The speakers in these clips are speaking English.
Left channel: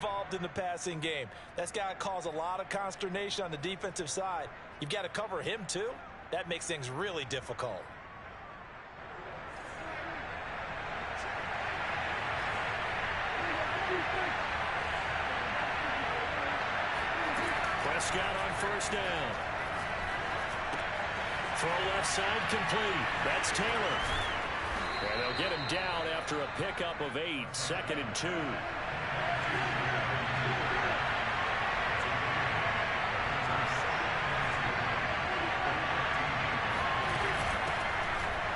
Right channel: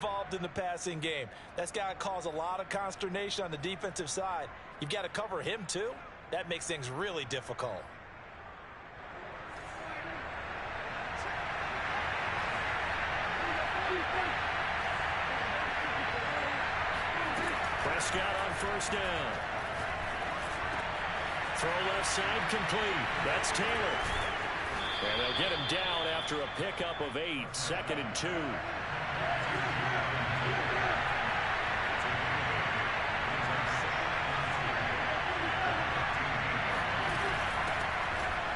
involved in the passing game. That's got to cause a lot of consternation on the defensive side. You've got to cover him too. That makes things really difficult. Prescott on first down. Throw left side complete. That's Taylor. And they'll get him down after a pickup of 8, 2nd and 2.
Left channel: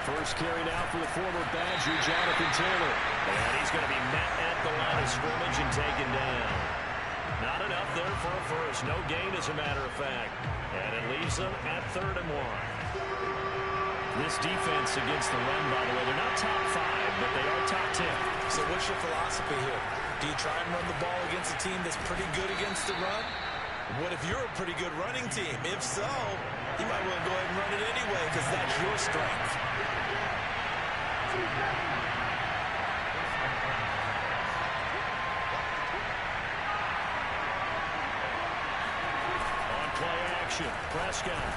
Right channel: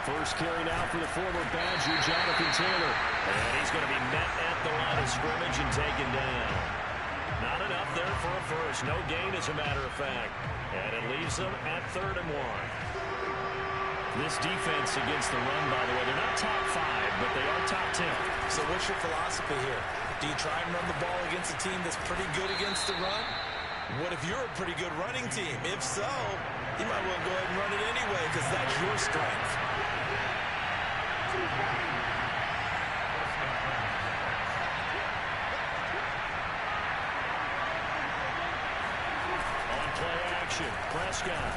First carry now for the former Badger, Jonathan Taylor. And he's going to be met at the line of scrimmage and taken down. Not enough there for a first. No gain, as a matter of fact. And it leaves them at 3rd and 1. This defense against the run, by the way, they're not top 5, but they are top 10. So what's your philosophy here? Do you try and run the ball against a team that's pretty good against the run? What if you're a pretty good running team? If so, you might want to go ahead and run it anyway because that's your strength. On play action, Prescott.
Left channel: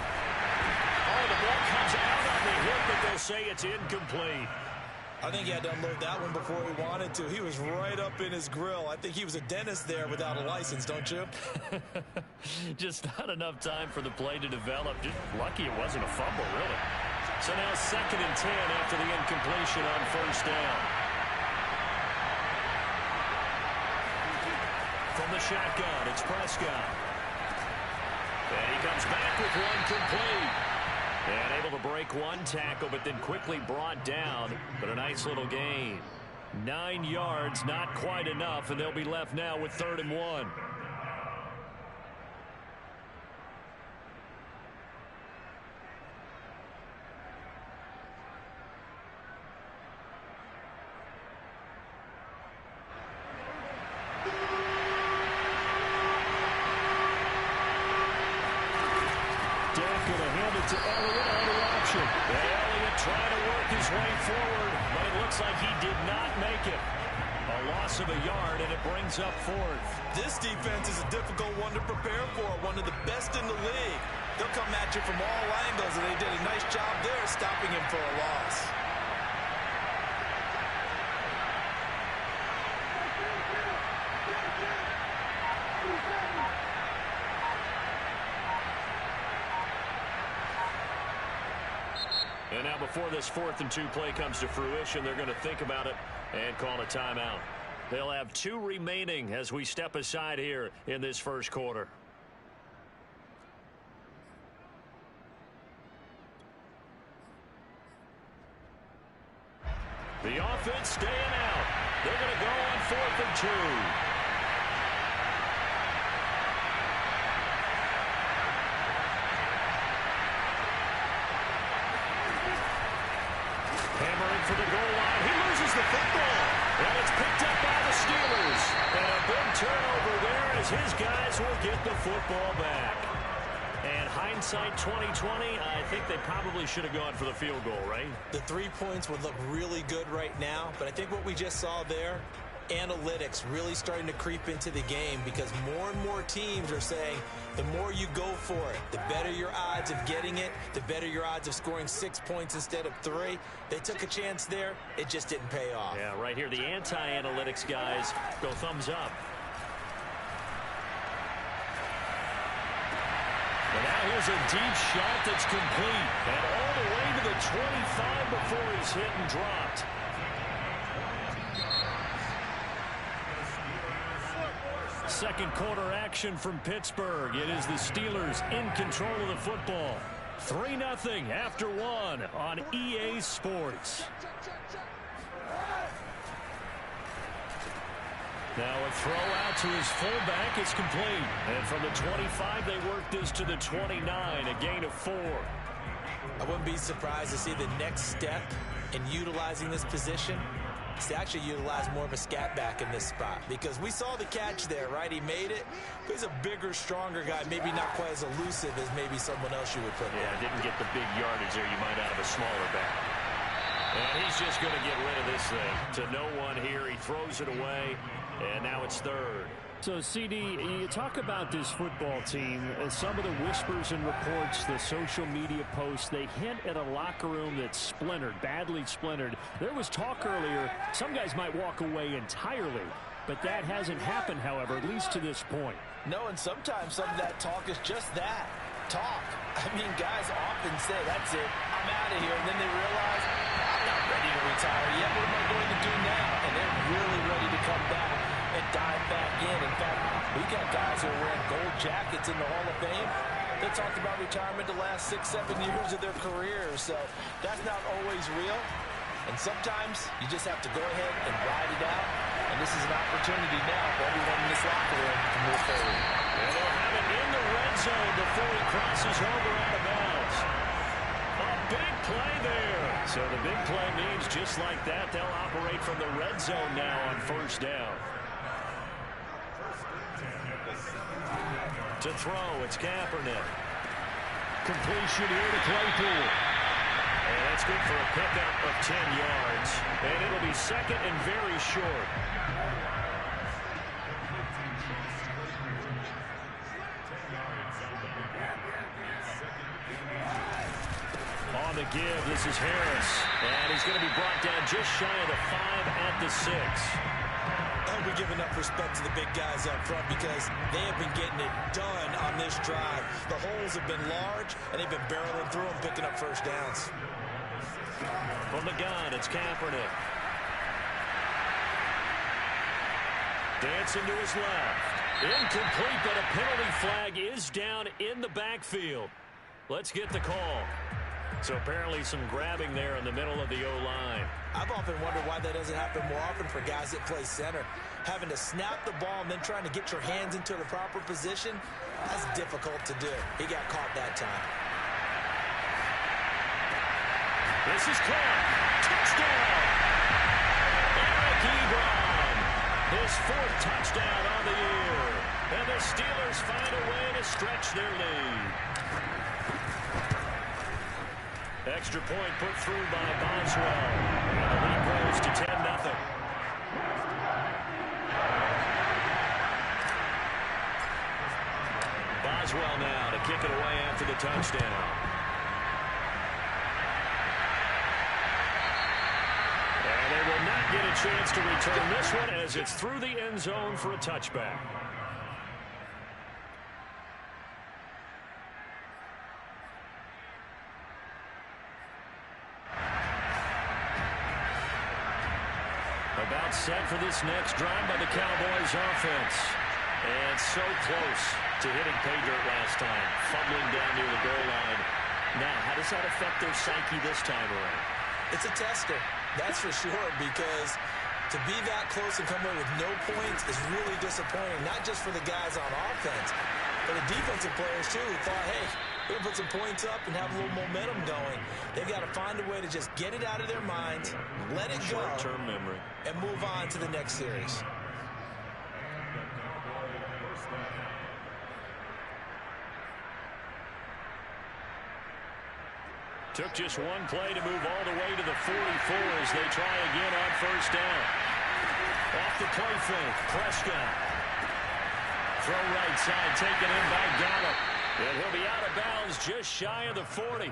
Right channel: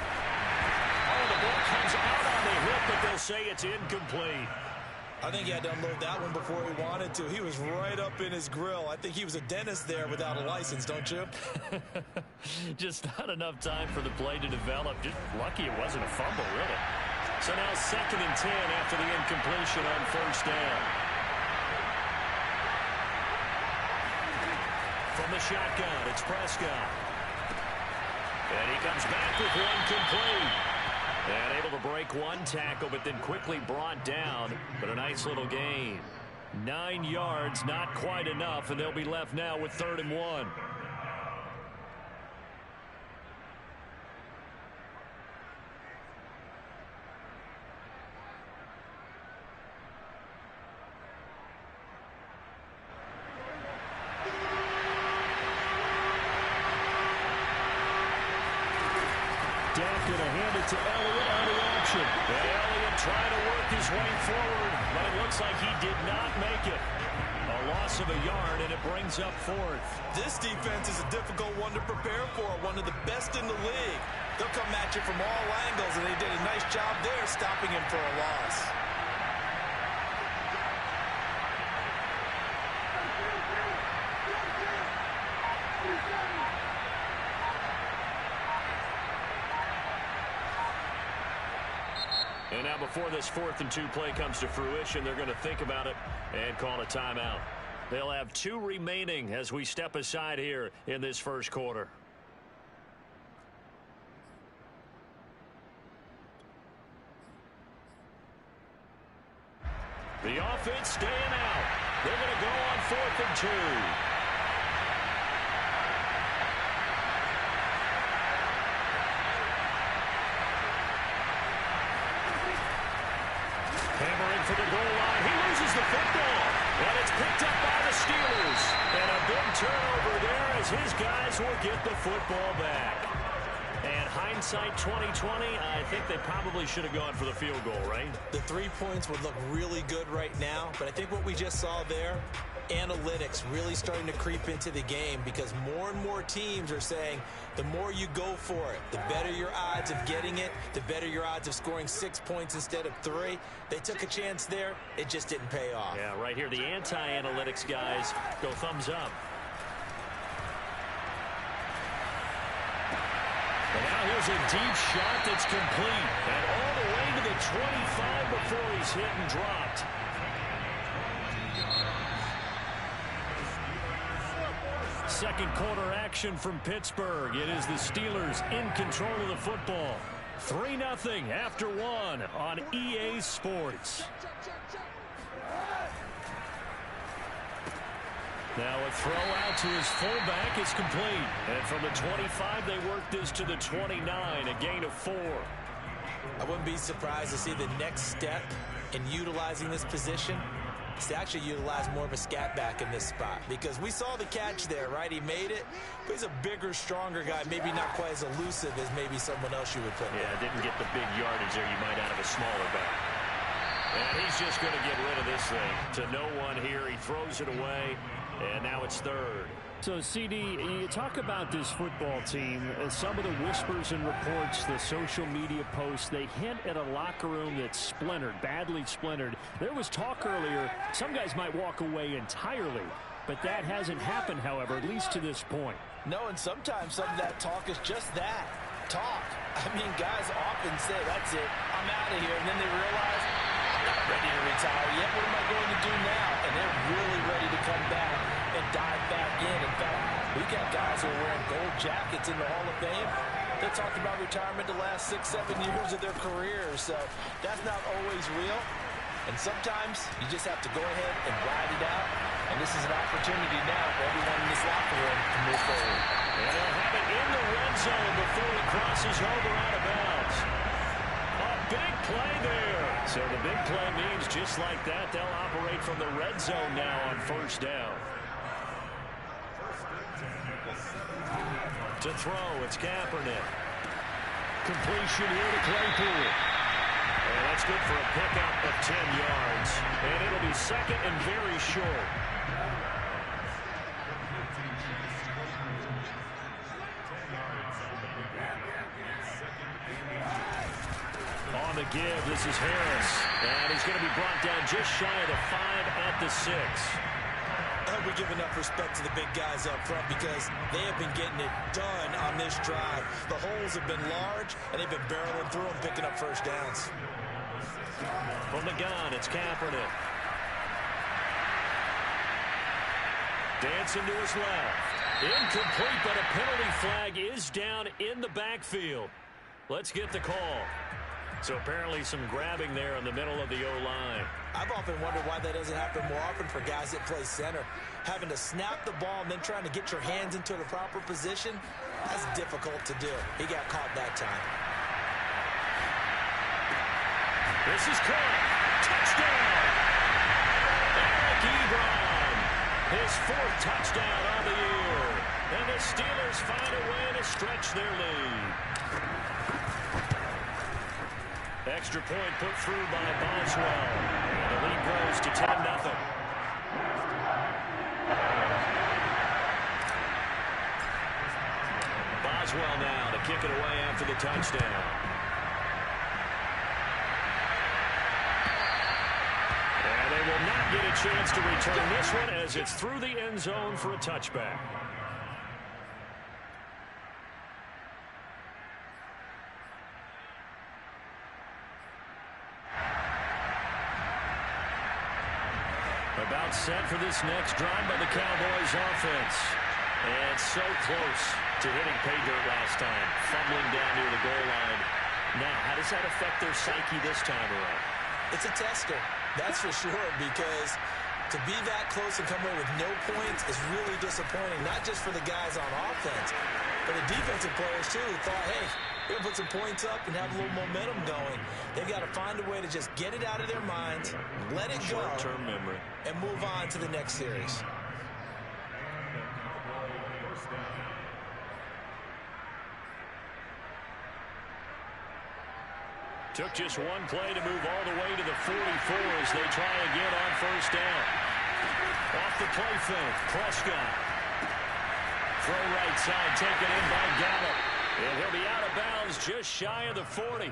Oh, the ball comes out on the hip, but they'll say it's incomplete. I think he had to unload that one before he wanted to. He was right up in his grill. I think he was a dentist there without a license, don't you? Just not enough time for the play to develop. Just lucky it wasn't a fumble, really. So now 2nd and 10 after the incompletion on first down. From the shotgun, it's Prescott. And he comes back with one complete. And able to break one tackle, but then quickly brought down. But a nice little gain. 9 yards, not quite enough, and they'll be left now with 3rd and 1. Dak going to hand it to Elliott on the option. And Elliott trying to work his way forward, but it looks like he did not make it. A loss of a yard, and it brings up 4th. This defense is a difficult one to prepare for, one of the best in the league. They'll come at you from all angles, and they did a nice job there stopping him for a loss. And now before this 4th and 2 play comes to fruition, they're going to think about it and call a timeout. They'll have 2 remaining as we step aside here in this first quarter. The offense staying out. They're going to go on 4th and 2. Hammering for the goal line. He loses the football. And it's picked up by the Steelers. And a big turnover there as his guys will get the football back. And hindsight 2020, I think they probably should have gone for the field goal, right? The 3 points would look really good right now. But I think what we just saw there, analytics really starting to creep into the game because more and more teams are saying the more you go for it, the better your odds of getting it, the better your odds of scoring 6 points instead of 3. They took a chance there. It just didn't pay off. Yeah, right here, the anti-analytics guys go thumbs up. And now here's a deep shot that's complete. And all the way to the 25 before he's hit and dropped. Second quarter action from Pittsburgh. It is the Steelers in control of the football. 3-0 after 1 on EA Sports. Now a throw out to his fullback is complete. And from the 25, they work this to the 29, a gain of 4. I wouldn't be surprised to see the next step in utilizing this position is to actually utilize more of a scat back in this spot. Because we saw the catch there, right? He made it, but he's a bigger, stronger guy. Maybe not quite as elusive as maybe someone else you would put there. Didn't get the big yardage there you might out of a smaller back. And he's just going to get rid of this thing. To no one here. He throws it away, and now it's 3rd. So, CD, you talk about this football team, some of the whispers and reports, the social media posts, they hint at a locker room that's splintered, badly splintered. There was talk earlier, some guys might walk away entirely, but that hasn't happened, however, at least to this point. No, and sometimes some of that talk is just that, talk. I mean, guys often say, that's it, I'm out of here, and then they realize, I'm not ready to retire yet. What am I going to do now? And they're really ready to come back and dive back in. In fact, we got guys who are wearing gold jackets in the Hall of Fame that talked about retirement the last 6-7 years of their careers. So that's not always real. And sometimes you just have to go ahead and ride it out. And this is an opportunity now for everyone in this locker room to move forward. And they'll have it in the red zone before he crosses over out of bounds. A big play there. So the big play means just like that, they'll operate from the red zone now on first down. To throw, it's Kaepernick. Completion here to Claypool. And that's good for a pickup of 10 yards. And it'll be second and very short. On the give, this is Harris. And he's going to be brought down just shy of the 5 at the 6. We give enough respect to the big guys up front because they have been getting it done on this drive. The holes have been large, and they've been barreling through them, picking up first downs. From the gun, it's Kaepernick. Dancing to his left. Incomplete, but a penalty flag is down in the backfield. Let's get the call. So apparently some grabbing there in the middle of the O-line. I've often wondered why that doesn't happen more often for guys that play center. Having to snap the ball and then trying to get your hands into the proper position, that's difficult to do. He got caught that time. This is caught. Touchdown! Eric Ebron. His 4th touchdown on the year. And the Steelers find a way to stretch their lead. Extra point put through by Boswell. And the lead grows to 10-0. Boswell now to kick it away after the touchdown. And they will not get a chance to return this one as it's through the end zone for a touchback. About set for this next drive by the Cowboys offense. And so close to hitting pay dirt last time. Fumbling down near the goal line. Now, how does that affect their psyche this time around? It's a tester, that's for sure, because to be that close and come away with no points is really disappointing, not just for the guys on offense, but the defensive players, too, who thought, hey, we're going to put some points up and have a little momentum going. They've got to find a way to just get it out of their minds, let it go, short-term memory, and move on to the next series. Took just one play to move all the way to the 44 as they try again on first down. Off the play fake, Prescott. Throw right side, taken in by Gallup. And he'll be out of bounds just shy of the 40.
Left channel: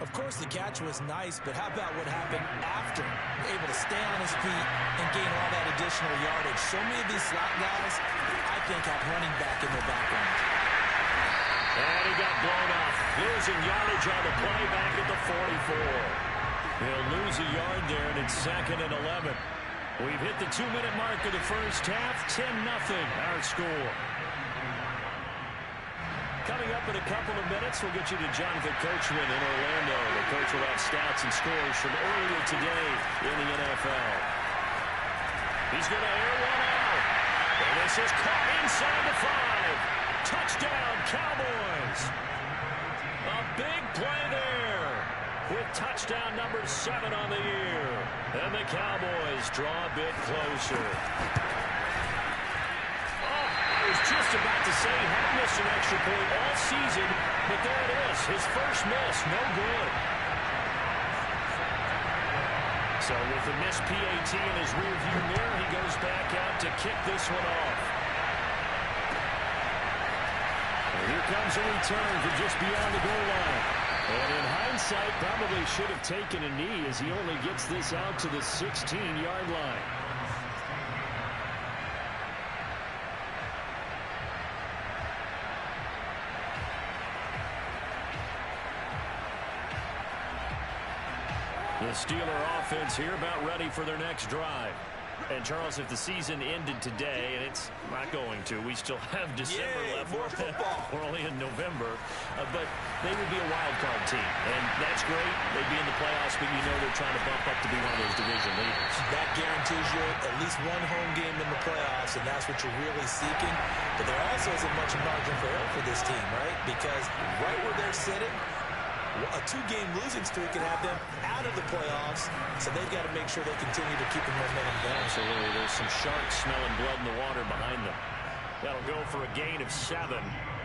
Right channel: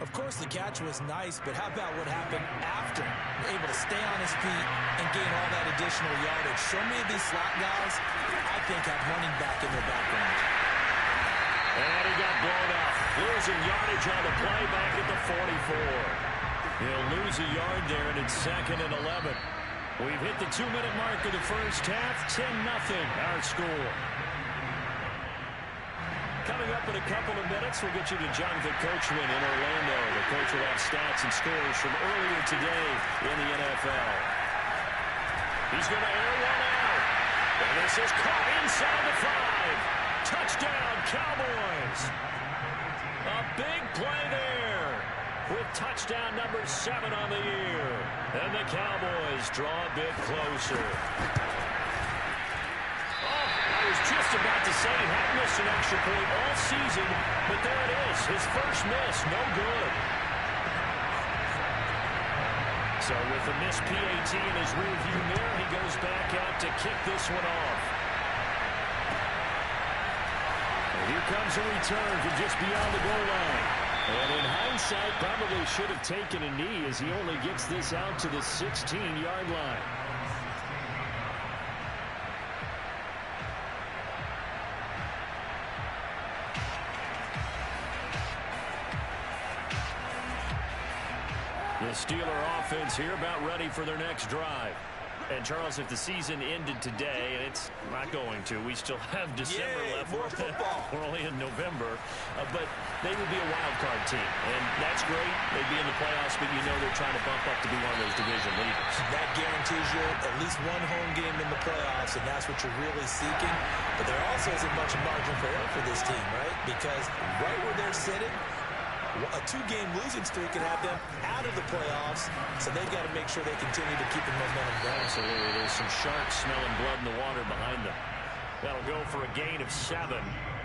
Of course, the catch was nice, but how about what happened after? Able to stay on his feet and gain all that additional yardage. So many of these slot guys, I think, have running back in their background. And he got blown up. Losing yardage on the play back at the 44. He'll lose a yard there, and it's 2nd and 11. We've hit the 2-minute mark of the first half. 10-0 our score. Coming up in a couple of minutes, we'll get you to Jonathan Coachman in Orlando. The coach will have stats and scores from earlier today in the NFL. He's going to air one out. And this is caught inside the 5. Touchdown, Cowboys. A big play there with touchdown number 7 on the year. And the Cowboys draw a bit closer. Oh, I was just about to say he hadn't missed an extra point all season, but there it is. His first miss, no good. So with the missed PAT in his rearview mirror, he goes back out to kick this one off. Here comes a return from just beyond the goal line. And in hindsight, probably should have taken a knee as he only gets this out to the 16-yard line. The Steeler offense here about ready for their next drive. And, Charles, if the season ended today, and it's not going to, we still have December left. More football. We're only in November. But they would be a wild card team. And that's great. They'd be in the playoffs, but you know they're trying to bump up to be one of those division leaders. That guarantees you at least one home game in the playoffs, and that's what you're really seeking. But there also isn't much margin for error for this team, right? Because right where they're sitting, a 2-game losing streak can have them out of the playoffs, so they've got to make sure they continue to keep the momentum going. Absolutely. There's some sharks smelling blood in the water behind them. That'll go for a gain of 7,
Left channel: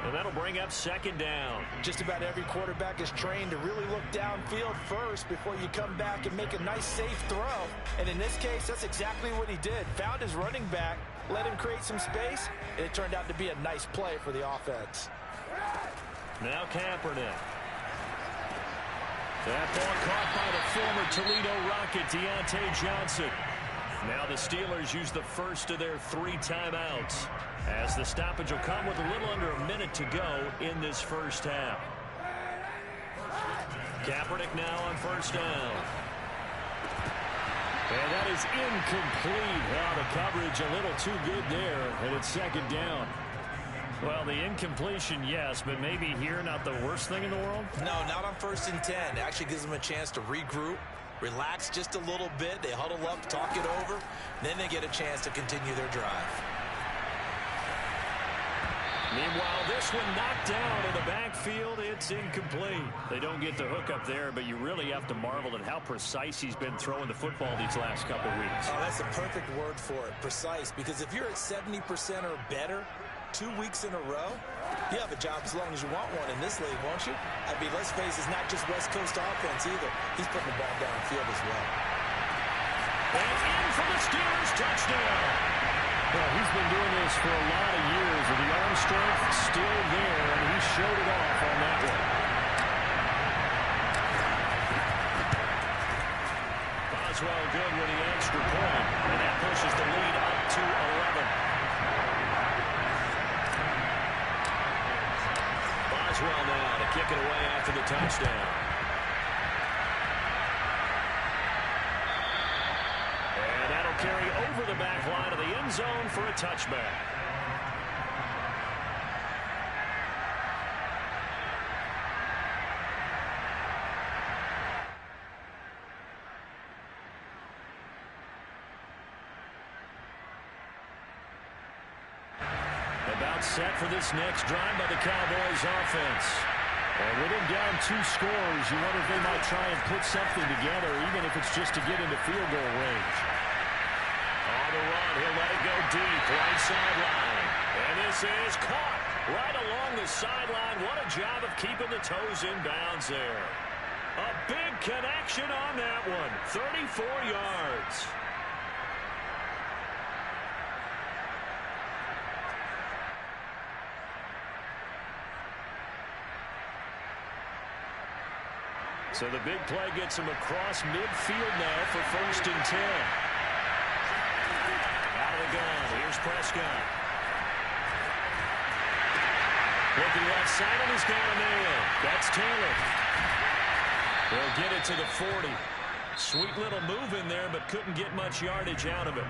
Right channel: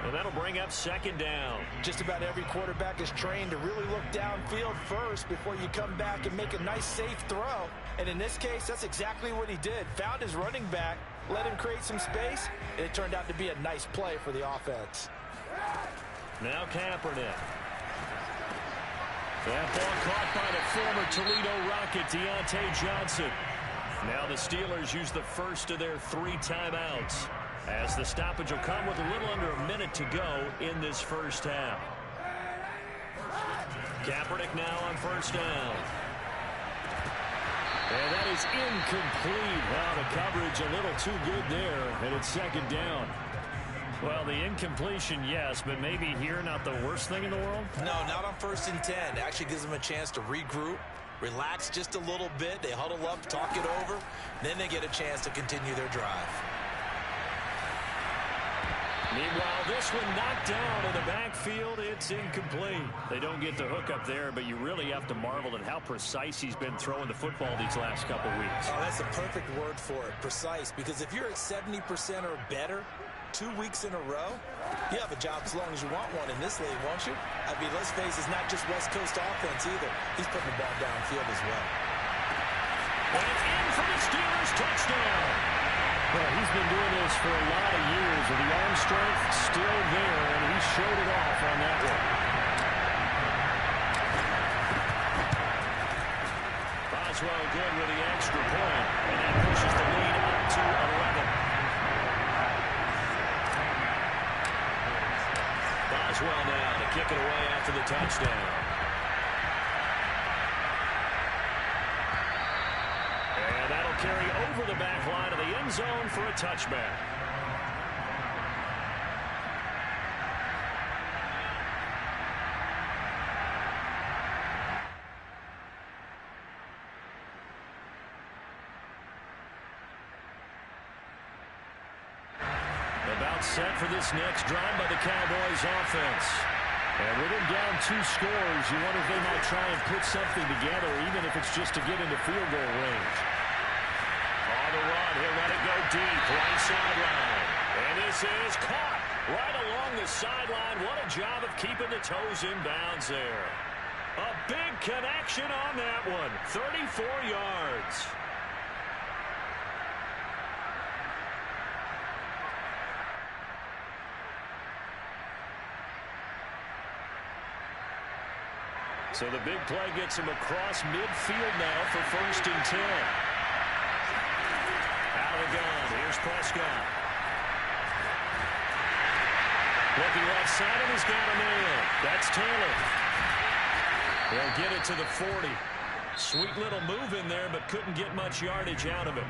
and that'll bring up second down. Just about every quarterback is trained to really look downfield first before you come back and make a nice, safe throw. And in this case, that's exactly what he did. Found his running back, let him create some space, and it turned out to be a nice play for the offense. Now Kaepernick. That ball caught by the former Toledo Rocket, Deontay Johnson. Now the Steelers use the first of their 3 timeouts, as the stoppage will come with a little under a minute to go in this first half. Kaepernick now on first down. And that is incomplete. Oh, the coverage a little too good there, and it's second down. Well, the incompletion, yes, but maybe here not the worst thing in the world? No, not on 1st and 10. It actually gives them a chance to regroup, relax just a little bit. They huddle up, talk it over, then they get a chance to continue their drive. Meanwhile, this one knocked down in the backfield. It's incomplete. They don't get the hook up there, but you really have to marvel at how precise he's been throwing the football these last couple weeks. Oh, that's a perfect word for it, precise, because if you're at 70% or better 2 weeks in a row, you have a job as long as you want one in this league, won't you? I mean, let's face it, it's not just West Coast offense either. He's putting the ball downfield as well. And in for the Steelers touchdown. Well, he's been doing this for a lot of years with the arm strength still there, and he showed it off on that one. Boswell good with the extra point, and that pushes the lead up to 11. Boswell now to kick it away after the touchdown. And that'll carry over the back line of the end zone for a touchback. About set for this next drive by the Cowboys offense. And with him down 2 scores, you wonder if they might try and put something together, even if it's just to get into field goal range. On the run, he'll let it go deep, right sideline. And this is caught right along the sideline. What a job of keeping the toes in bounds there. A big connection on that one, 34 yards. So the big play gets him across midfield now for 1st and 10. Out of the gun, here's Prescott. Looking left side, and he's got a man. That's Taylor. They'll get it to the 40. Sweet little move in there, but couldn't get much yardage out of it.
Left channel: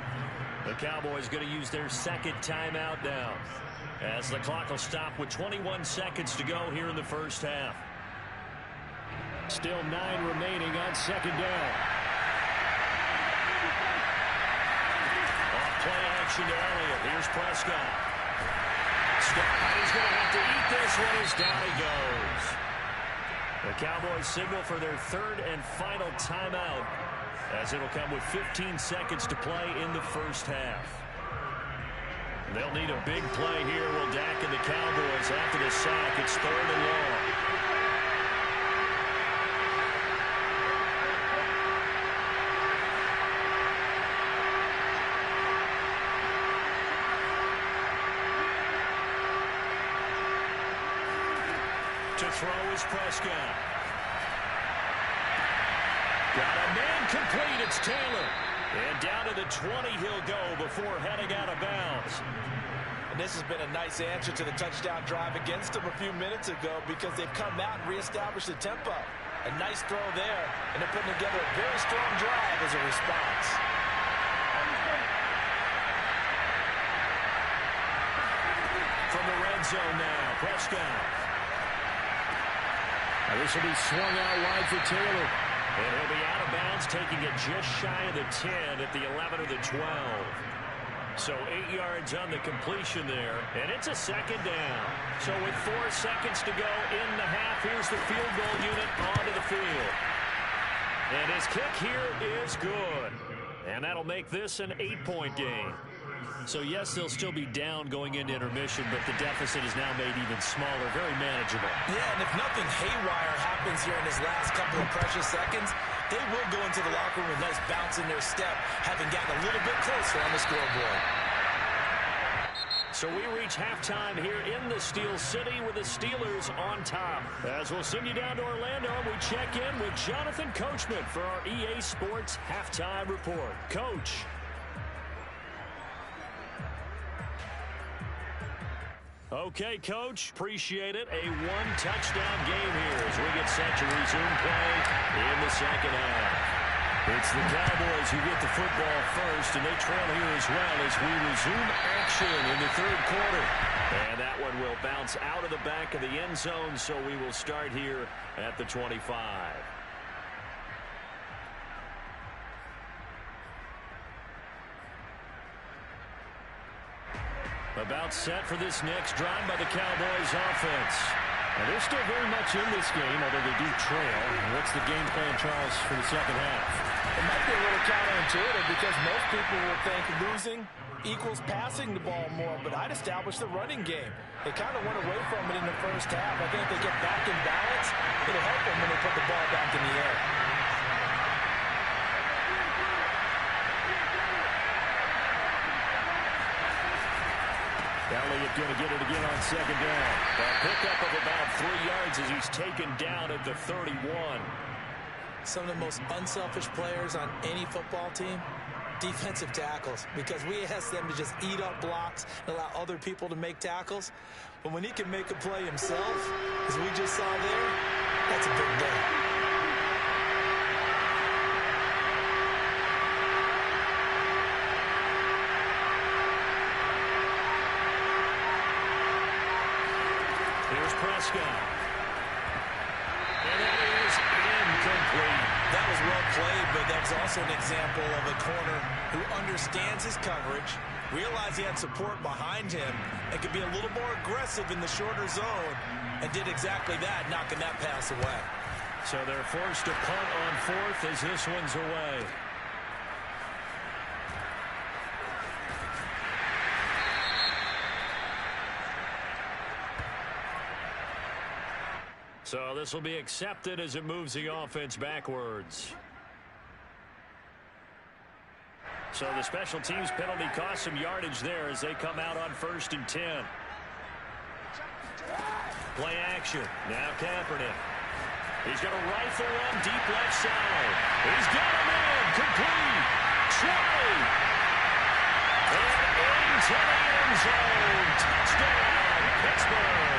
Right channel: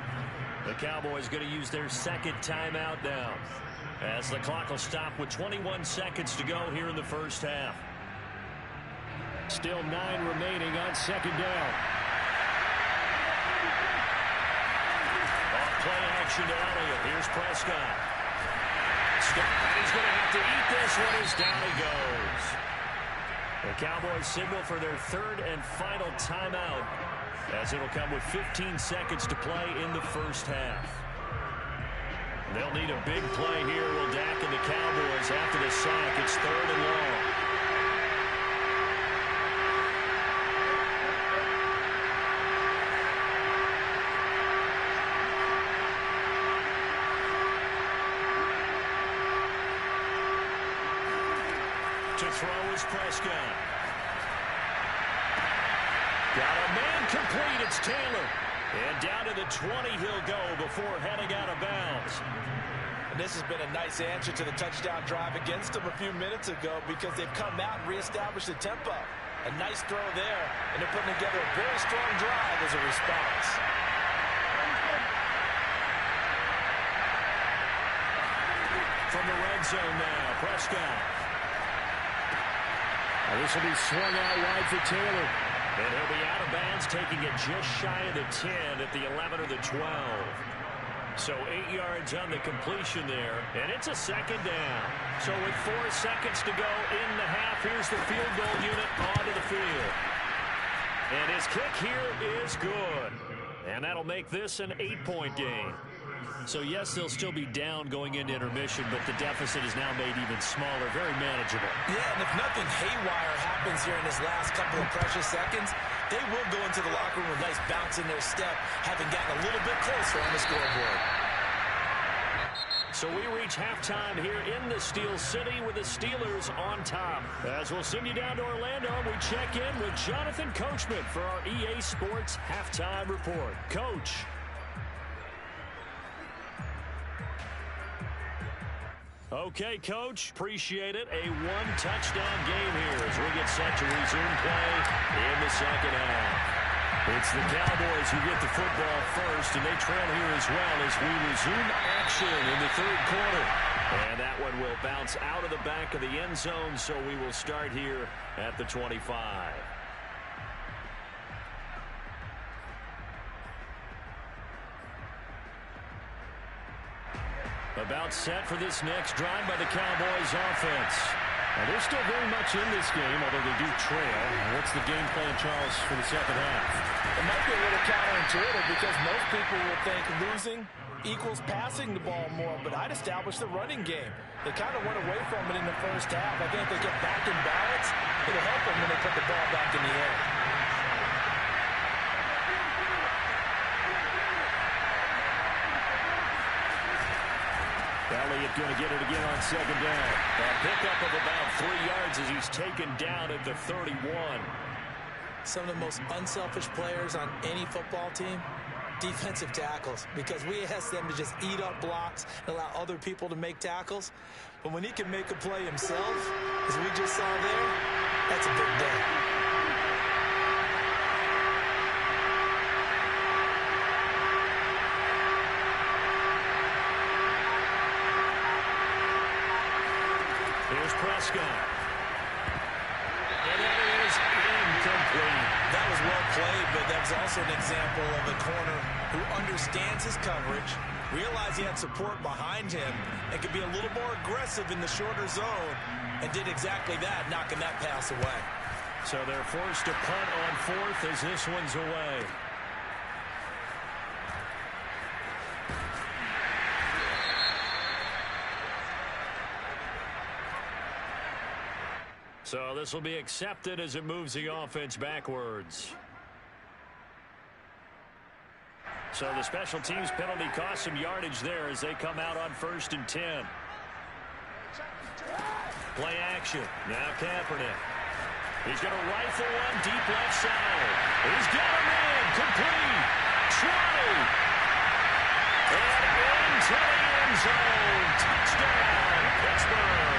The Cowboys going to use their 2nd timeout now, as the clock will stop with 21 seconds to go here in the first half. Still 9 remaining on 2nd down. Off play action to Elliott. Here's Prescott. And he's going to have to eat this one as down he goes. The Cowboys signal for their 3rd and final timeout, as it'll come with 15 seconds to play in the first half. They'll need a big play here, will Dak and the Cowboys after the sack. It's 3rd and long. To throw is Prescott. Got a man complete. It's Taylor. And down to the 20 he'll go before heading out of bounds. And this has been a nice answer to the touchdown drive against them a few minutes ago because they've come out and reestablished the tempo. A nice throw there, and they're putting together a very strong drive as a response. From the red zone now, Prescott. This will be swung out wide for Taylor. And he'll be out of bounds, taking it just shy of the 10 at the 11 or the 12. So 8 yards on the completion there, and it's a second down. So with 4 seconds to go in the half, here's the field goal unit onto the field. And his kick here is good. And that'll make this an 8-point game. So, yes, they'll still be down going into intermission, but the deficit is now made even smaller, very manageable. Yeah, and if nothing haywire happens here in his last couple of precious seconds, they will go into the locker room with a nice bounce in their step, having gotten a little bit closer on the scoreboard. So we reach halftime here in the Steel City with the Steelers on top. As we'll send you down to Orlando, we check in with Jonathan Coachman for our EA Sports Halftime Report. Coach. Okay, Coach, appreciate it. A one-touchdown game here as we get set to resume play in the second half. It's the Cowboys who get the football first, and they trail here as well as we resume action in the third quarter. And that one will bounce out of the back of the end zone, so we will start here at the 25. About set for this next drive by the Cowboys offense. And they're still very much in this game, although they do trail. What's the game plan, Charles, for the second half? It might be a little counterintuitive because most people will think losing equals passing the ball more, but I'd establish the running game. They kind of went away from it in the first half. I think if they get back in balance, it'll help them when they put the ball back in the air. Elliott going to get it again on second down. A pickup of about 3 yards as he's taken down at the 31. Some of the most unselfish players on any football team, defensive tackles, because we ask them to just eat up blocks and allow other people to make tackles. But when he can make a play himself, as we just saw there, that's a big day. Here's Prescott. And that is incomplete. That was well played, but that was also an example of a corner who understands his coverage, realized he had support behind him, and could be a little more aggressive in the shorter zone, and did exactly that, knocking that pass away. So they're forced to punt on fourth as this one's away. So this will be accepted as it moves the offense backwards. So the special teams penalty cost some yardage there as they come out on 1st and 10. Play action. Now Kaepernick. He's going to rifle one deep left side. He's got a man. Complete. 20. And into the end zone. Touchdown, Pittsburgh.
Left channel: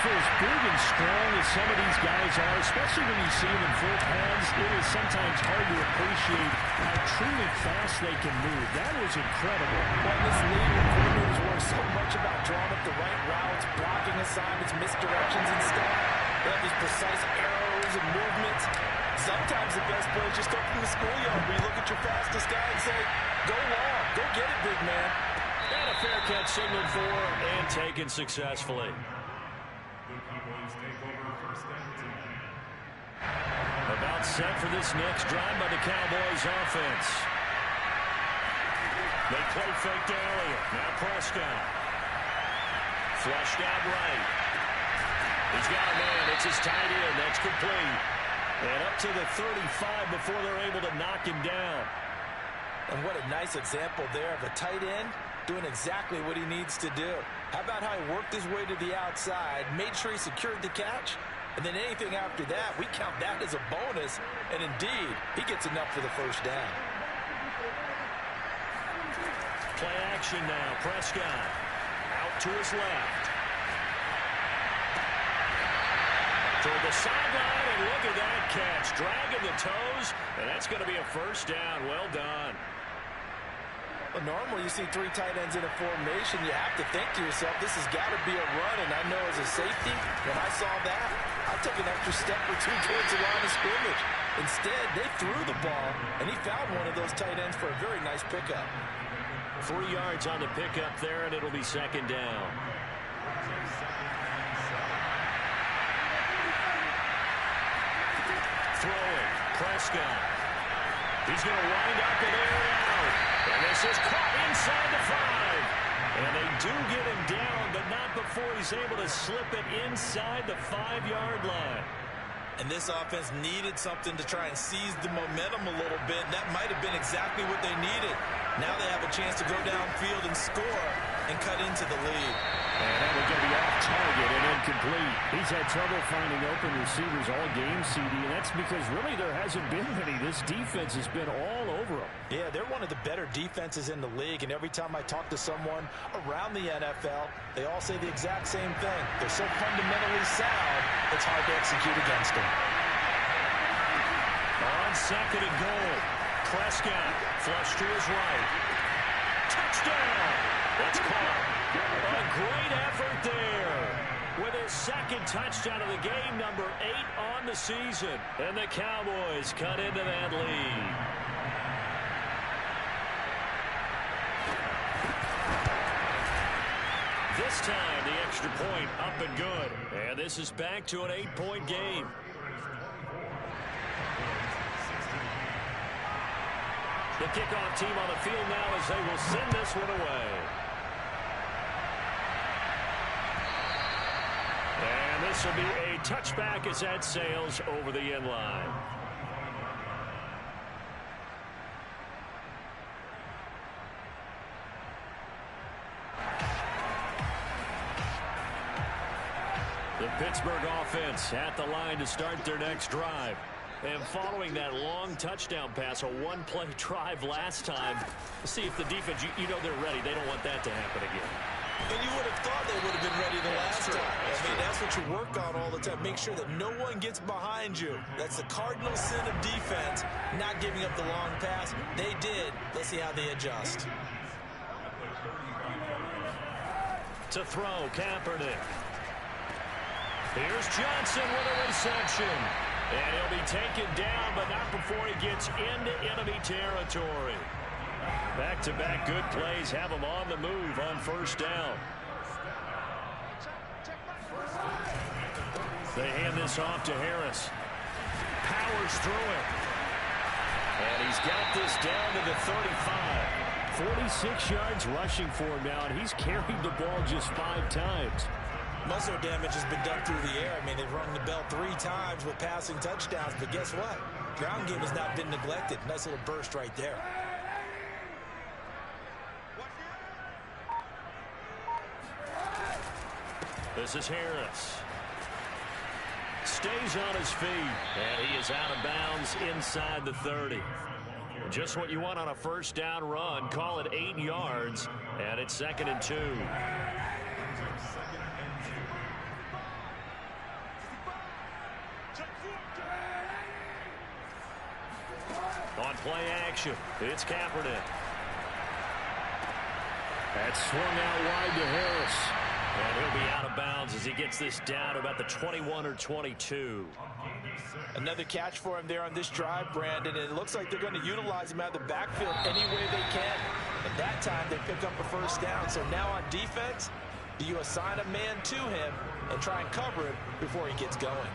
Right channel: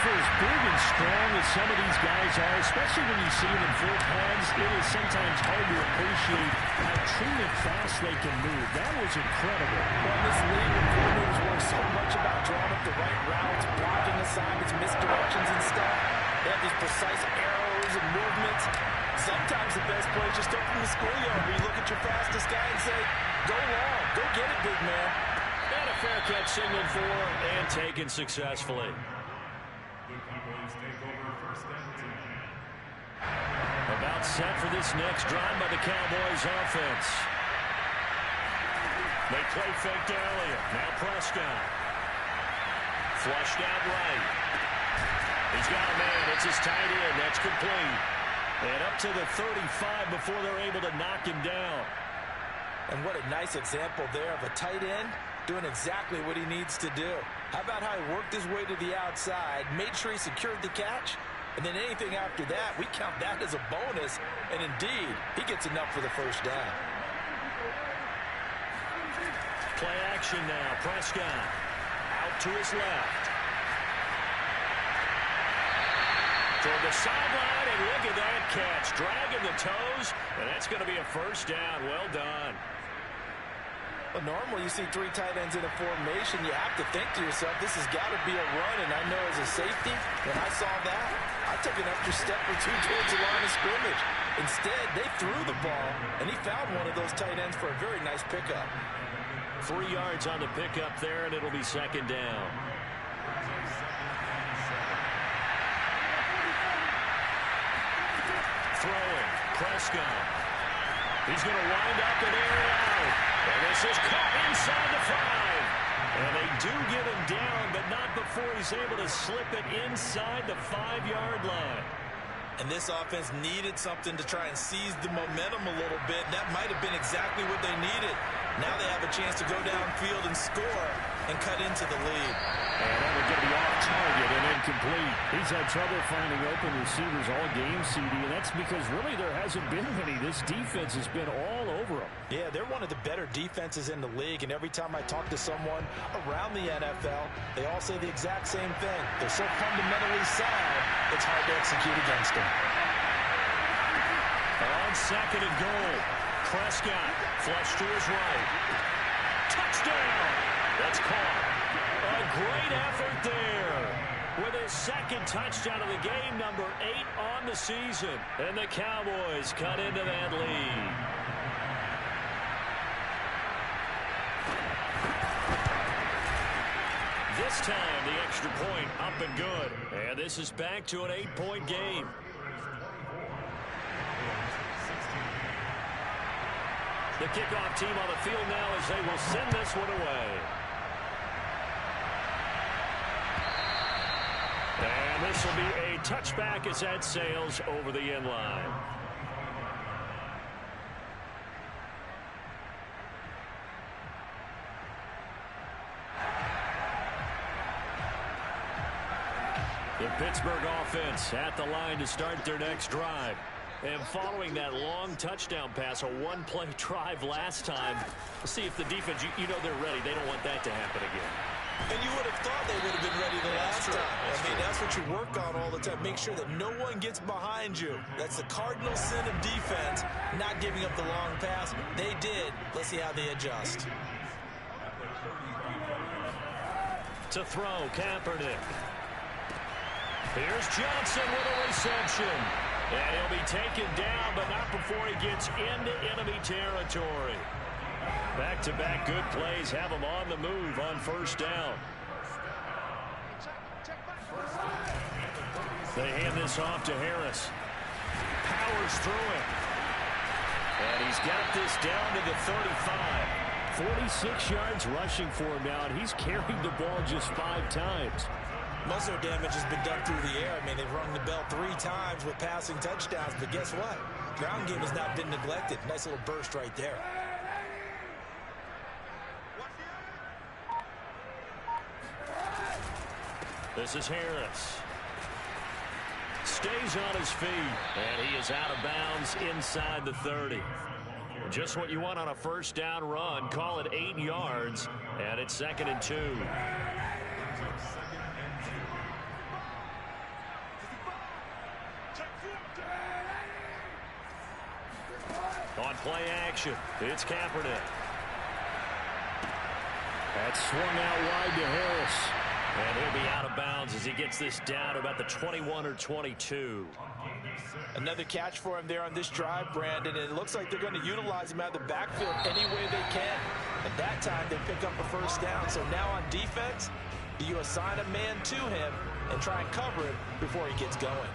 For as big and strong as some of these guys are, especially when you see them in full pads, it is sometimes hard to appreciate how truly fast they can move. That was incredible. Well, in this league, when coordinators work so much about drawing up the right routes, blocking assignments, misdirections and stuff, they have these precise arrows and movements. Sometimes the best plays just come from the schoolyard where you look at your fastest guy and say, go long, go get it, big man. And a fair catch signaled for and taken successfully. About set for this next drive by the Cowboys offense. They play fake to Elliott. Now Prescott. Flushed out right. He's got a man. It's his tight end. That's complete. And up to the 35 before they're able to knock him down. And what a nice example there of a tight end doing exactly what he needs to do. How about how he worked his way to the outside, made sure he secured the catch, and then anything after that, we count that as a bonus, and indeed, he gets enough for the first down. Play action now. Prescott out to his left. Toward the sideline, and look at that catch. Dragging the toes, and that's going to be a first down. Well done. Well, normally you see three tight ends in a formation. You have to think to yourself, this has got to be a run. And I know as a safety, when I saw that, I'd take an extra step or two towards the line of scrimmage. Instead, they threw the ball, and he found one of those tight ends for a very nice pickup. 3 yards on the pickup there, and it'll be second down. Throwing, Prescott. He's going to wind up and air it out. And this is caught inside the 5. And they do get him down, but not before he's able to slip it inside the 5-yard line. And this offense needed something to try and seize the momentum a little bit. That might have been exactly what they needed. Now they have a chance to go downfield and score and cut into the lead. And that would get to be off target and incomplete. He's had trouble finding open receivers all game, CD, and that's because really there hasn't been many. This defense has been all over them. Yeah, they're one of the better defenses in the league, and every time I talk to someone around the NFL, they all say the exact same thing. They're so fundamentally sound, it's hard to execute against them. On second and goal, Prescott flush to his right. Touchdown! That's caught. A great effort there. With his second touchdown of the game, number 8 on the season. And the Cowboys cut into that lead. This time, the extra point up and good. And this is back to an 8-point game. The kickoff team on the field now as they will send this one away. And this will be a touchback as that sails over the end line. The Pittsburgh offense at the line to start their next drive. And following that long touchdown pass, a one-play drive last time, let's see if the defense, you know they're ready. They don't want that to happen again. And you would have thought they would have been ready the last time. That's what you work on all the time. Make sure that no one gets behind you. That's the cardinal sin of defense, not giving up the long pass. They did. Let's see how they adjust. To throw, Kaepernick. Here's Johnson with a reception. And he'll be taken down, but not before he gets into enemy territory. Back-to-back good plays have him on the move on first down. They hand this off to Harris. Powers through it. And he's got this down to the 35. 46 yards rushing for him now, and he's carried the ball just 5 times. Muscle damage has been done through the air. They've rung the bell 3 times with passing touchdowns, but guess what? Ground game has not been neglected. Nice little burst right there. This is Harris. Stays on his feet, and he is out of bounds inside the 30. Just what you want on a first down run. Call it 8 yards, and it's 2nd and 2. On play action, it's Kaepernick. That's swung out wide to Harris. And he'll be out of bounds as he gets this down to about the 21 or 22. Another catch for him there on this drive, Brandon. And it looks like they're going to utilize him out of the backfield any way they can. At that time, they pick up a first down. So now on defense, do you assign a man to him and try and cover him before he gets going?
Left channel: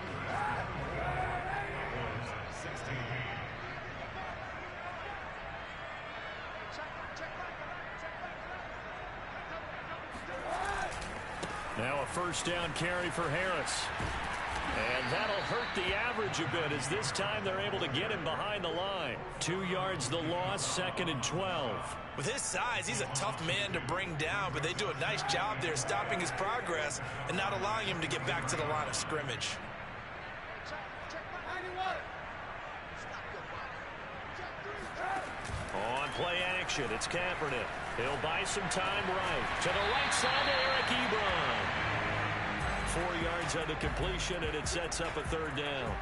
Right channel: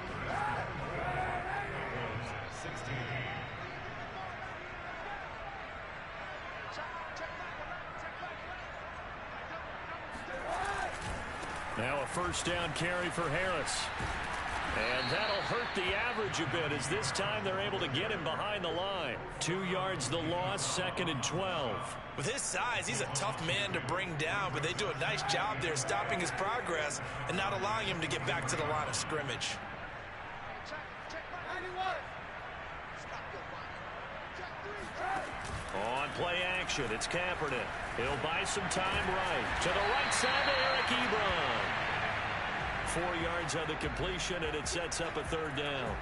Now a first down carry for Harris. And that'll hurt the average a bit as this time they're able to get him behind the line. 2 yards the loss, 2nd and 12. With his size, he's a tough man to bring down, but they do a nice job there stopping his progress and not allowing him to get back to the line of scrimmage. On play action, it's Kaepernick. He'll buy some time right. To the right side to Eric Ebron. 4 yards on the completion, and it sets up a 3rd down.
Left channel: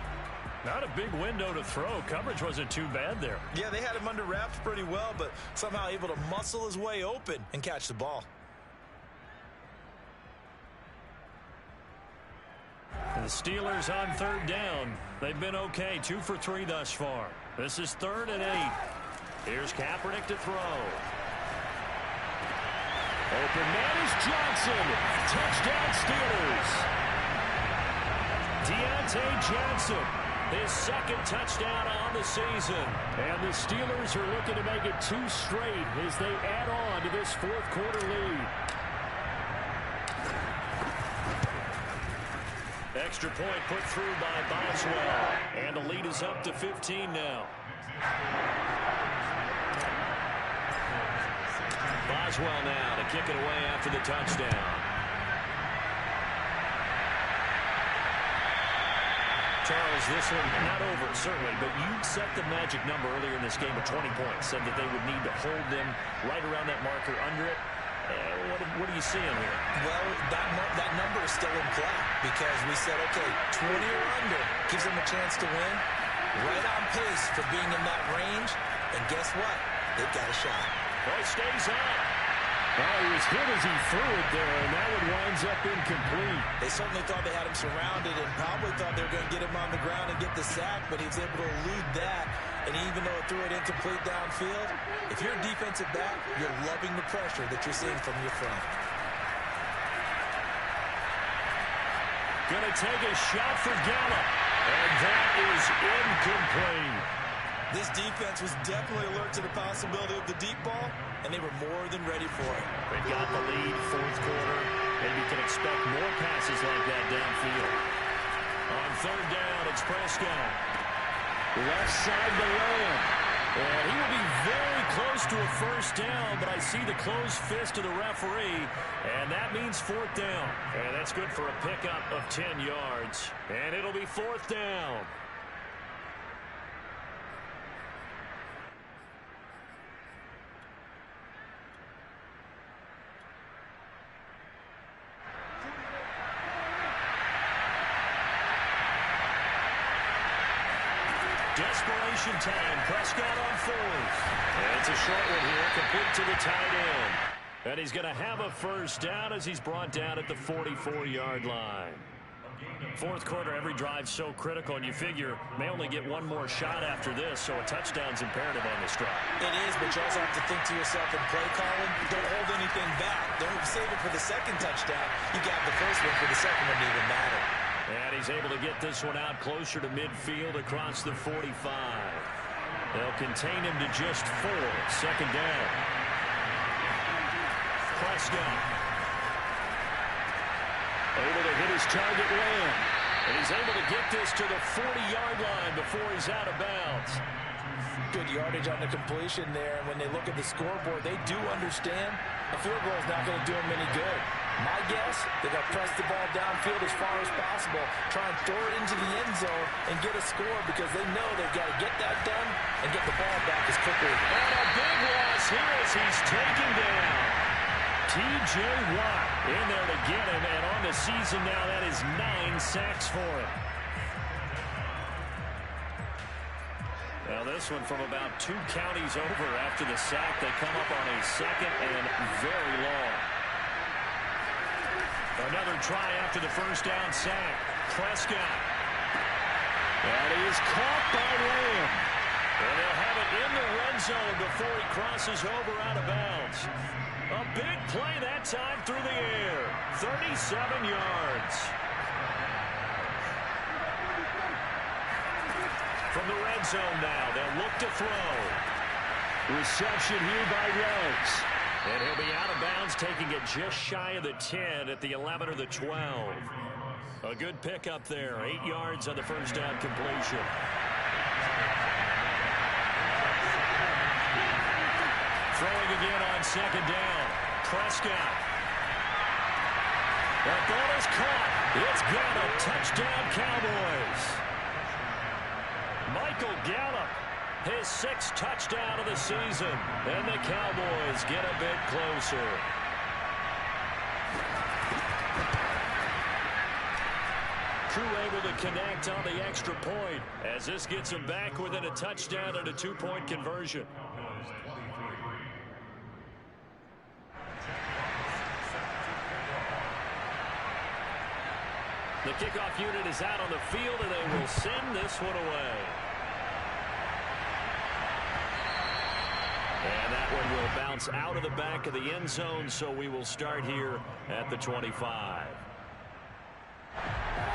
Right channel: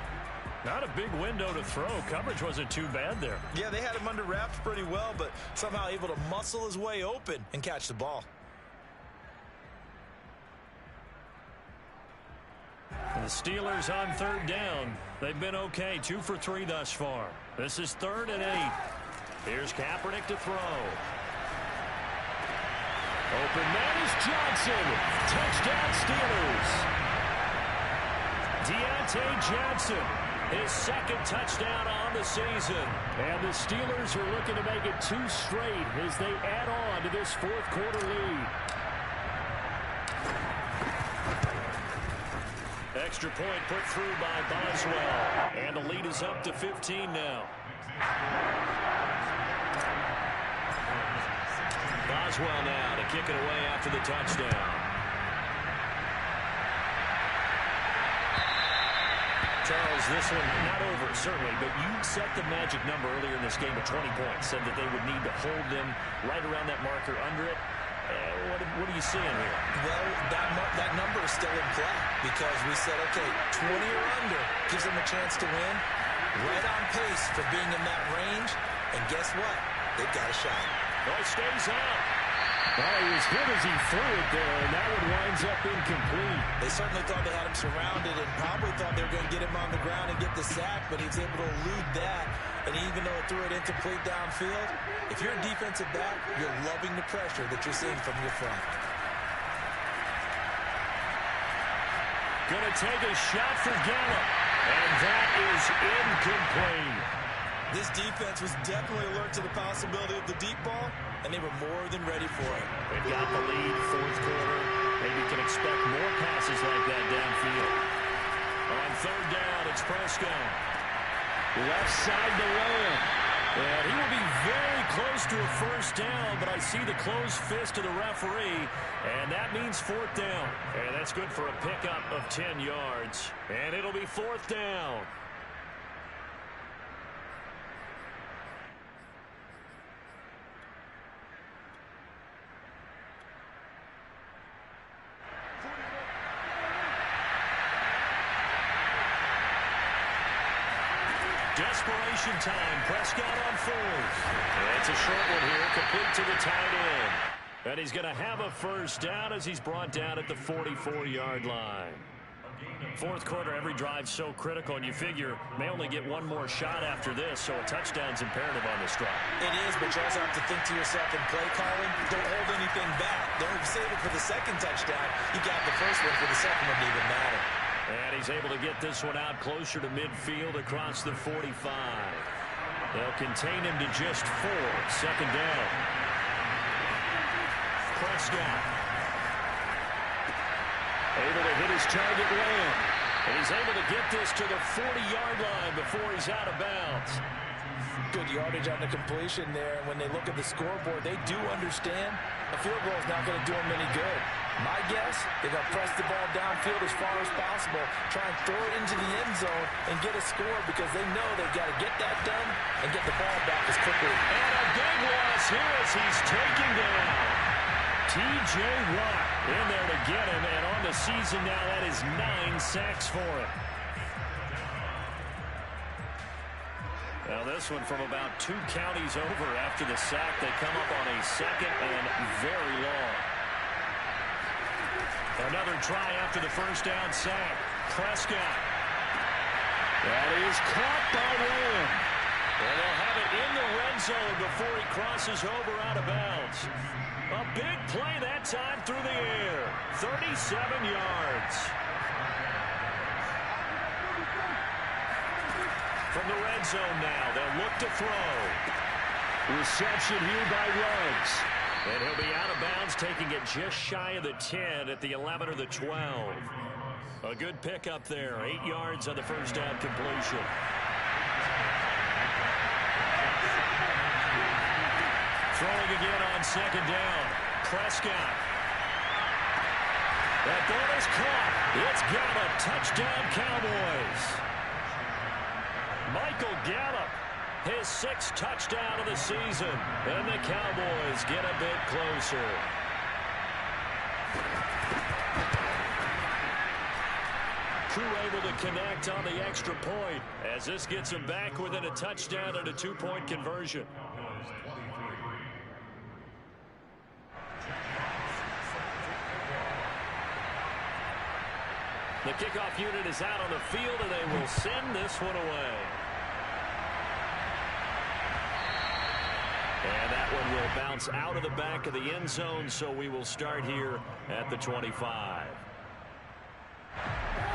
Not a big window to throw. Coverage wasn't too bad there. Yeah, they had him under wraps pretty well, but somehow able to muscle his way open and catch the ball. The Steelers on 3rd down. They've been okay, 2 for 3 thus far. This is 3rd and 8. Here's Kaepernick to throw. Open man is Johnson. Touchdown Steelers. Deontay Johnson, his 2nd touchdown on the season. And the Steelers are looking to make it 2 straight as they add on to this 4th quarter lead. Extra point put through by Boswell. And the lead is up to 15 now. Boswell now to kick it away after the touchdown. Charles, this one not over, certainly, but you set the magic number earlier in this game at 20 points. Said that they would need to hold them right around that marker under it. What are you seeing here? Well, that number is still in play because we said, okay, 20 or under gives them a chance to win. Right on pace for being in that range. And guess what? They've got a shot. Oh, he stays up. Oh, he was hit as he threw it there, and that one winds up incomplete. They certainly thought they had him surrounded and probably thought they were going to get him on the ground and get the sack, but he was able to elude that. And even though it threw it incomplete downfield, if you're a defensive back, you're loving the pressure that you're seeing from your front. Going to take a shot for Gallup, and that is incomplete. This defense was definitely alert to the possibility of the deep ball, and they were more than ready for it. They've got the lead, 4th quarter. Maybe you can expect more passes like that downfield. On 3rd down, it's Prescott. Left side to Lamb. And he will be very close to a 1st down, but I see the closed fist of the referee, and that means 4th down. And that's good for a pickup of 10 yards. And it'll be 4th down. Desperation time. Prescott on 4th. It's a short one here, complete to the tight end. And he's going to have a 1st down as he's brought down at the 44-yard line. 4th quarter, every drive so critical, and you figure may only get one more shot after this, so a touchdown's imperative on this drive. It is, but you also have to think to yourself in play calling, don't hold anything back. Don't save it for the 2nd touchdown. You got the 1st one for the 2nd one to even matter. And he's able to get this one out closer to midfield across the 45. They'll contain him to just 4. 2nd down. Prescott. Able to hit his target, Lamb. And he's able to get this to the 40-yard line before he's out of bounds. Good yardage on the completion there. And when they look at the scoreboard, they do understand a field goal is not going to do them any good. My guess, they're going to press the ball downfield as far as possible, try and throw it into the end zone and get a score because they know they've got to get that done and get the ball back as quickly. And a big loss here as he's taken down. T.J. Watt in there to get him, and on the season now, that is 9 sacks for him. Now this one from about 2 counties over after the sack. They come up on a 2nd and very long. Another try after the 1st down sack. Prescott. That is caught by Lamb. And they'll have it in the red zone before he crosses over out of bounds. A big play that time through the air. 37 yards. From the red zone now, they'll look to throw. Reception here by Ruggs. And he'll be out of bounds, taking it just shy of the 10 at the 11 or the 12. A good pickup there. 8 yards on the first down completion. Throwing again on second down. Prescott. That ball is caught. It's Gallup. Touchdown, Cowboys. Michael Gallup, his 6th touchdown of the season. And the Cowboys get a bit closer. Koo able to connect on the extra point as this gets him back within a touchdown and a 2-point conversion. The kickoff unit is out on the field, and they will send this one away. And that one will bounce out of the back of the end zone, so we will start here at the 25.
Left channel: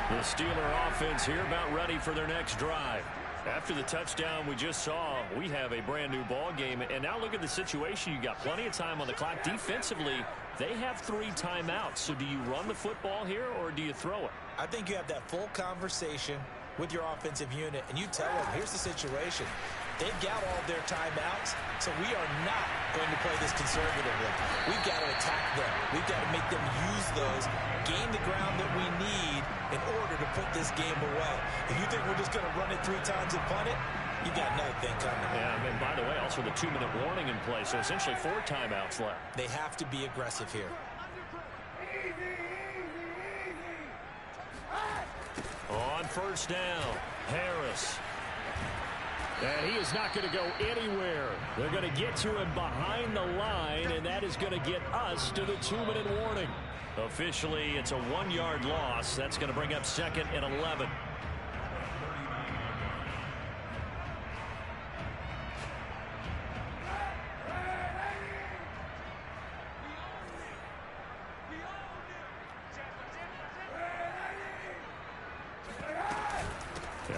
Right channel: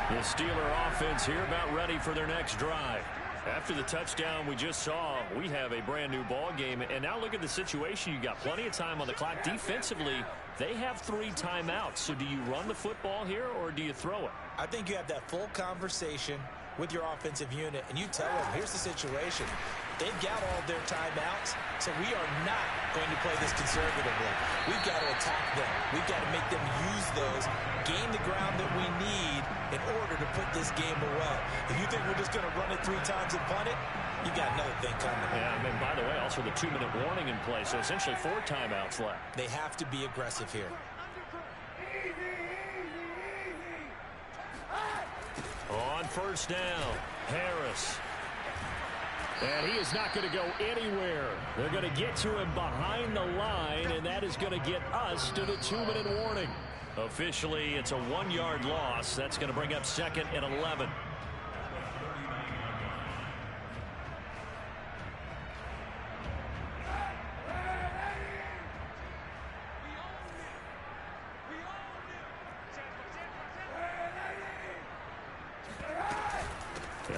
The Steeler offense here about ready for their next drive. After the touchdown we just saw, we have a brand new ball game. And now look at the situation. You got plenty of time on the clock. Defensively, they have 3 timeouts. So do you run the football here or do you throw it? I think you have that full conversation with your offensive unit, and you tell them, here's the situation. They've got all their timeouts, so we are not going to play this conservatively. We've got to attack them. We've got to make them use those, gain the ground that we need in order to put this game away. If you think we're just going to run it 3 times and punt it, you got another thing coming. Yeah, and by the way, also the 2-minute warning in play, so essentially 4 timeouts left. They have to be aggressive here. On first down, Harris. And he is not going to go anywhere. They're going to get to him behind the line, and that is going to get us to the 2-minute warning. Officially, it's a 1-yard loss. That's going to bring up 2nd and 11.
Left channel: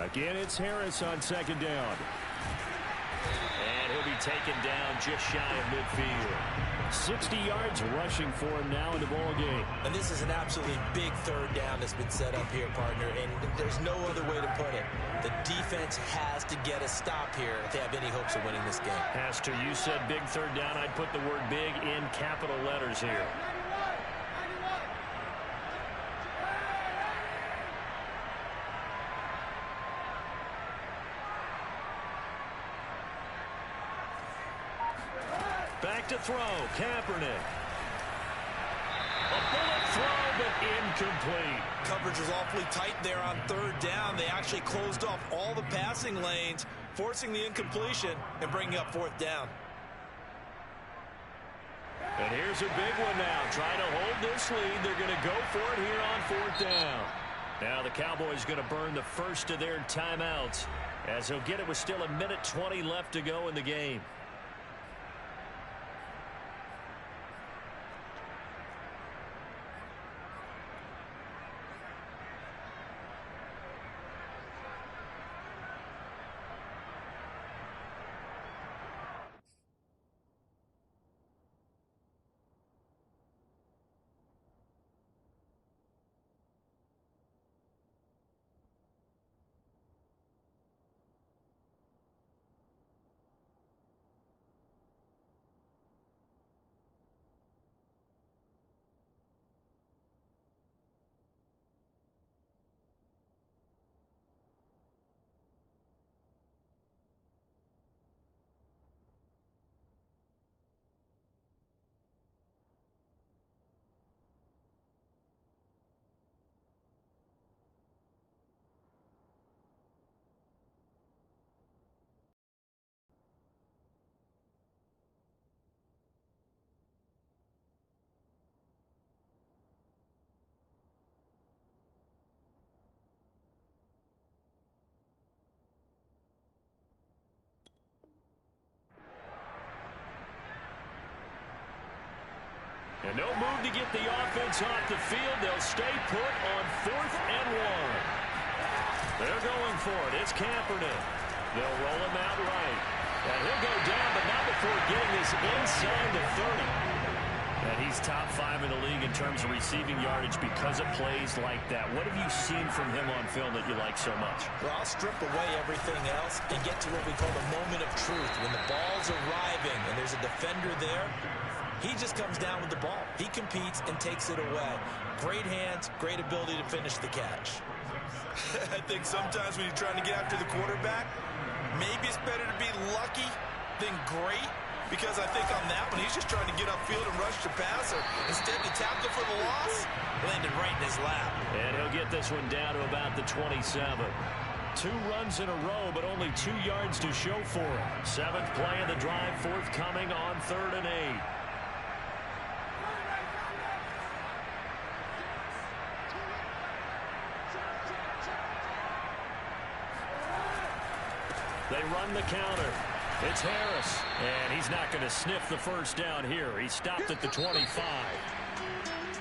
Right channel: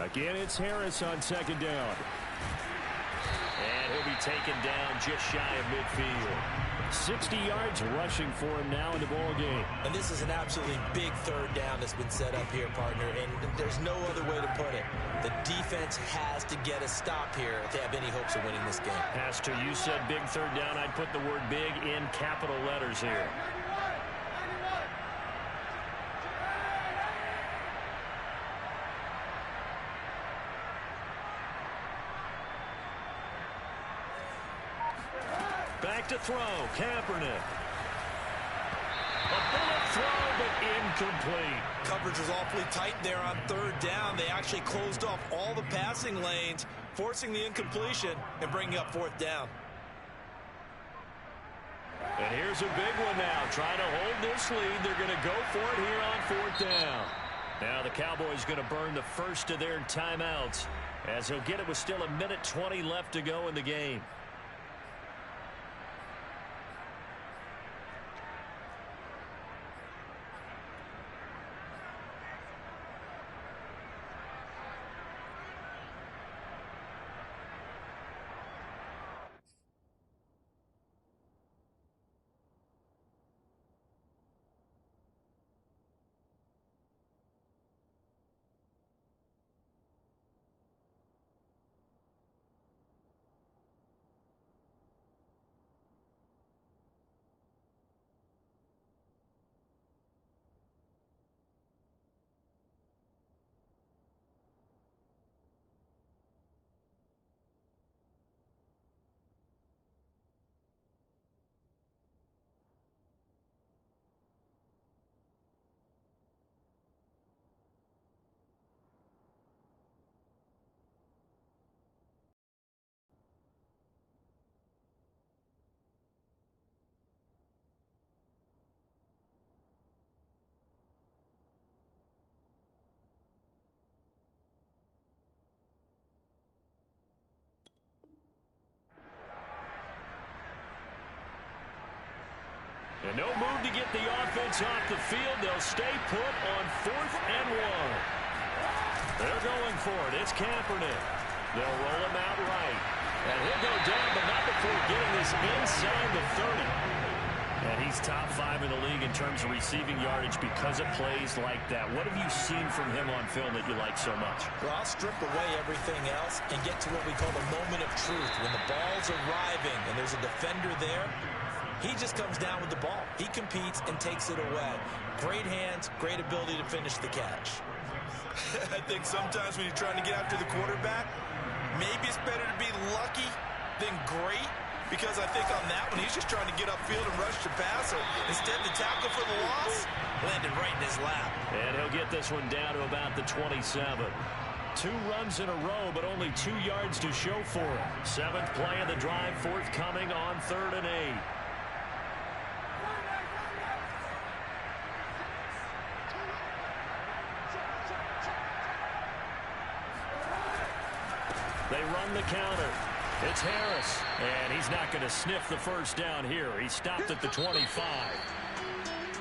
Again, it's Harris on 2nd down. And he'll be taken down just shy of midfield. 60 yards rushing for him now in the ball game. And this is an absolutely big 3rd down that's been set up here, partner, and there's no other way to put it. The defense has to get a stop here if they have any hopes of winning this game. Has to. You said big 3rd down. I'd put the word big in capital letters here. Back to throw, Kaepernick. A bullet throw, but incomplete. Coverage was awfully tight there on 3rd down. They actually closed off all the passing lanes, forcing the incompletion and bringing up 4th down. And here's a big one now. Trying to hold this lead. They're going to go for it here on 4th down. Now the Cowboys going to burn the first of their timeouts as he'll get it with still 1:20 left to go in the game. And no move to get the offense off the field. They'll stay put on 4th and 1. They're going for it. It's Kaepernick. They'll roll him out right. And he'll go down, but not before getting this inside the 30. And he's top 5 in the league in terms of receiving yardage because of plays like that. What have you seen from him on film that you like so much? Well, I'll strip away everything else and get to what we call the moment of truth. When the ball's arriving and there's a defender there, he just comes down with the ball. He competes and takes it away. Great hands, great ability to finish the catch. I think sometimes when you're trying to get after the quarterback, maybe it's better to be lucky than great, because I think on that one, he's just trying to get upfield and rush the passer. Instead, the tackle for the loss landed right in his lap. And he'll get this one down to about the 27. 2 runs in a row, but only 2 yards to show for it. 7th play of the drive, forthcoming on 3rd and 8. They run the counter. It's Harris, and he's not going to sniff the first down here. He stopped at the 25.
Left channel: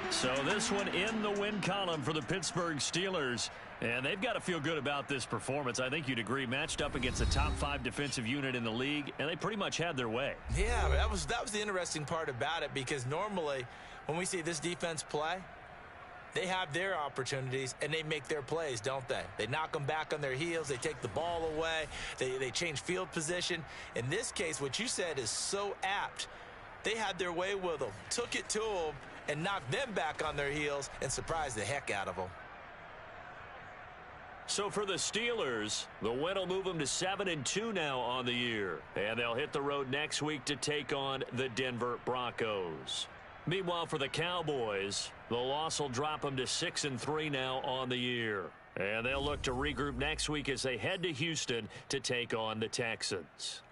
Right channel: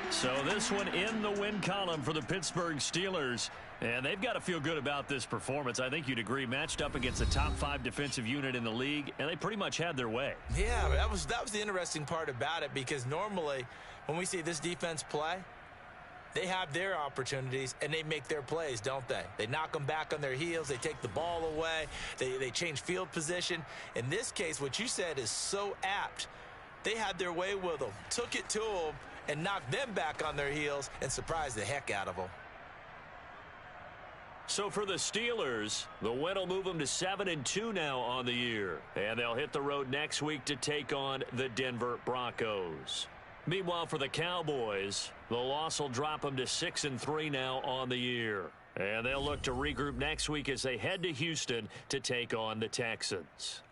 So this one in the win column for the Pittsburgh Steelers, and they've got to feel good about this performance. I think you'd agree, matched up against a top 5 defensive unit in the league, and they pretty much had their way. Yeah, that was the interesting part about it, because normally when we see this defense play, they have their opportunities, and they make their plays, don't they? They knock them back on their heels. They take the ball away. They change field position. In this case, what you said is so apt. They had their way with them, took it to them, and knocked them back on their heels and surprised the heck out of them. So for the Steelers, the win will move them to 7-2 now on the year. And they'll hit the road next week to take on the Denver Broncos. Meanwhile, for the Cowboys, the loss will drop them to 6-3 now on the year. And they'll look to regroup next week as they head to Houston to take on the Texans.